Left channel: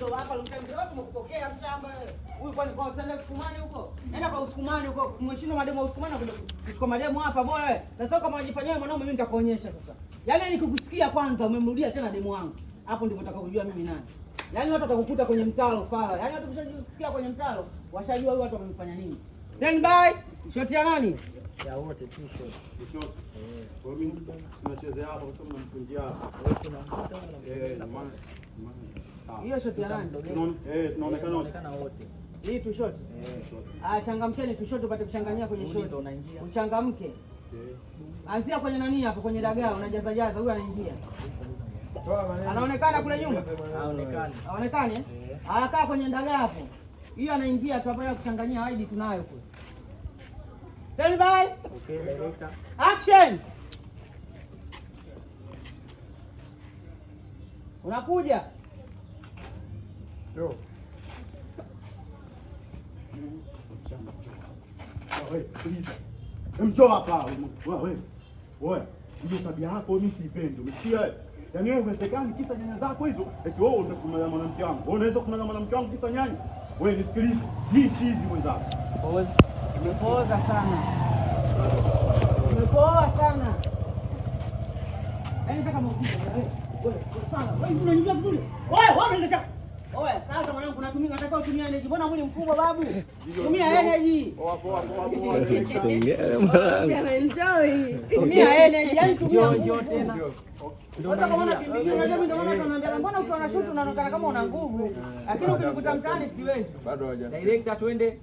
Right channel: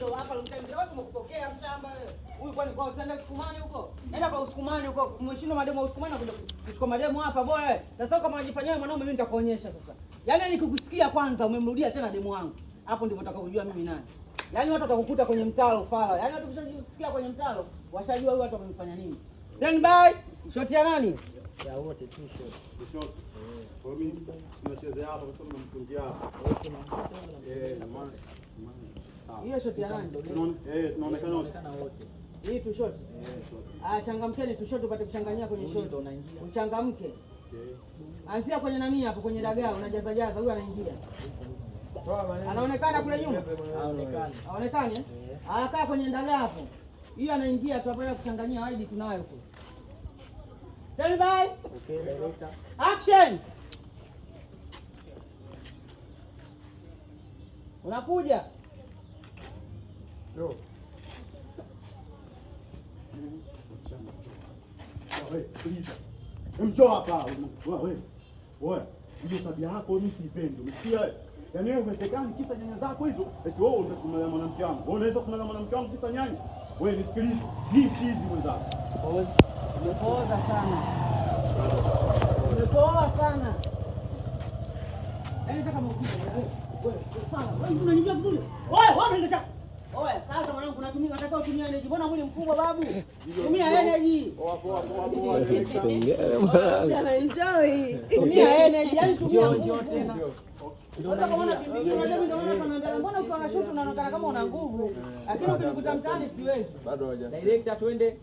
ndio hapa mtembea watu mkupokea mshamba huyu kwani kwa sanda Usukumani huko. Nenda kwa Usukumani huko. Mheshimu mademo Usukumani kwa mademo hapa boy. Sasa kama unajifanyia mwanaume mimi nitakuonyesha sasa. Yaani nikikusikia kwanza umemrudia tena demo wangu. Hapo ndipo utakapojua mimi nani. Yaani watu watakukuta kwenye mtalo fala. Yaani watu wakisikia kwenye mtalo washajua huyu watu wamemfanya nini. Stand by. Shoti ya nani? Ya wote tu shoti. Kwa mimi tunachezea hapa kwa sababu namfungia hapa. Hiyo shoti ya nani? Tunaonekana wote. Hii tu shoti. Changamkeni tu shoti upate kuchanganyia kwenye shoti. Uchangamke. Anzia kwenye nani hapo kwenye dagaa unajaza jaza huyu anaingia. Anaonekana kule nyuma? Haonekani. Haonekani? Anakaa kwenye dagaa hapo. Hiyo anaingia tunapata kuchanganyia ID tunayo kule. Stand by. Okay, director. Action. Unakuja. Yo. Wewe, please. Mcho hapa. Wewe. Wewe. Hiyo tabia yako mimi sipendi. Umesikia wewe? Yaani wewe umesekani kisa nyanya zako hizo. Eti wewe unataka kumala mwanamke wangu. Wewe unaweza kumala mwanamke wangu kisa nyanya? Wewe nisikilize. Hii chizi mwenzako. Umepoa sana. Umepoa sana. Yaani kama mkubwa wewe sana. Wewe unaingia vizuri. Wewe unaenda. Oya, sasa mwanangu unatumia unataka utumie energy. Mbona mwili mkubwa babu? Tumia energy. Poa. Enjoy. Tumia energy, yani tumia yote tena. Sasa kama unakimbia unajua mimi ndio maana tunaambia mbona ukiwa na shoot unaonekana kama una nguvu. Lakini ukikuta mtaani siwezi. Bado haja. Director twende.